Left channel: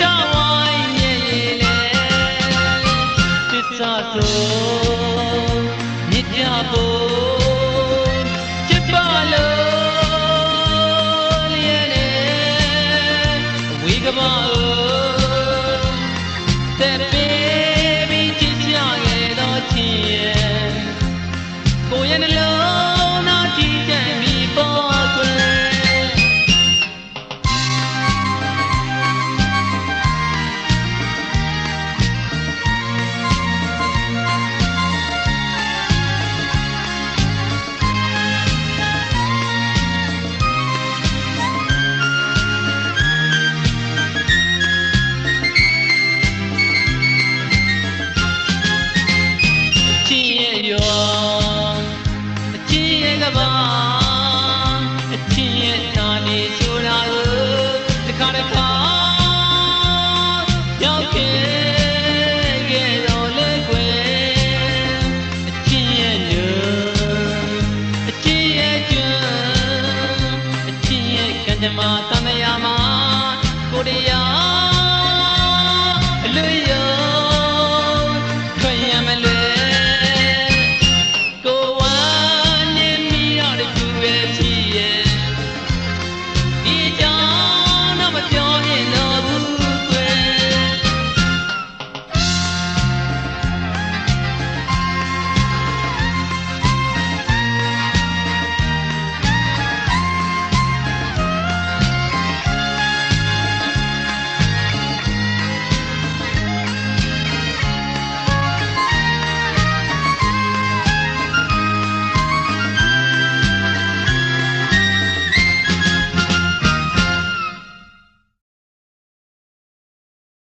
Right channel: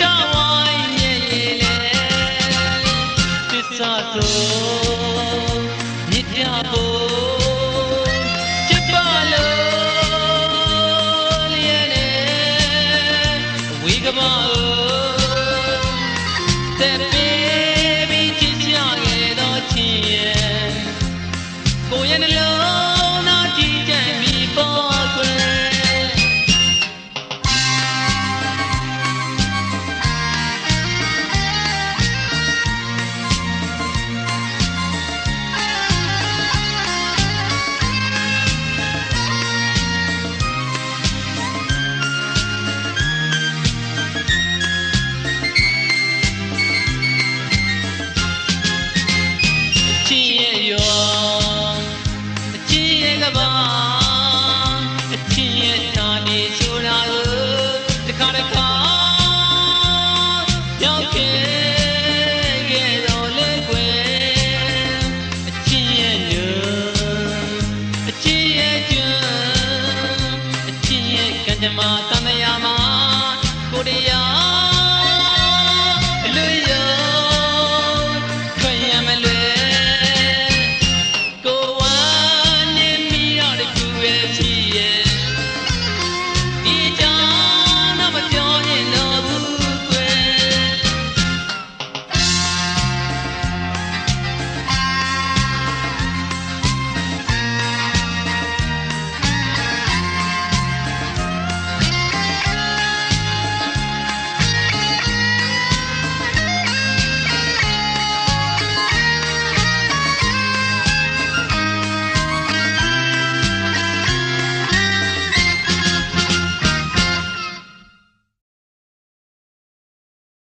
don't မြမတန်တရာမှာကိုတရား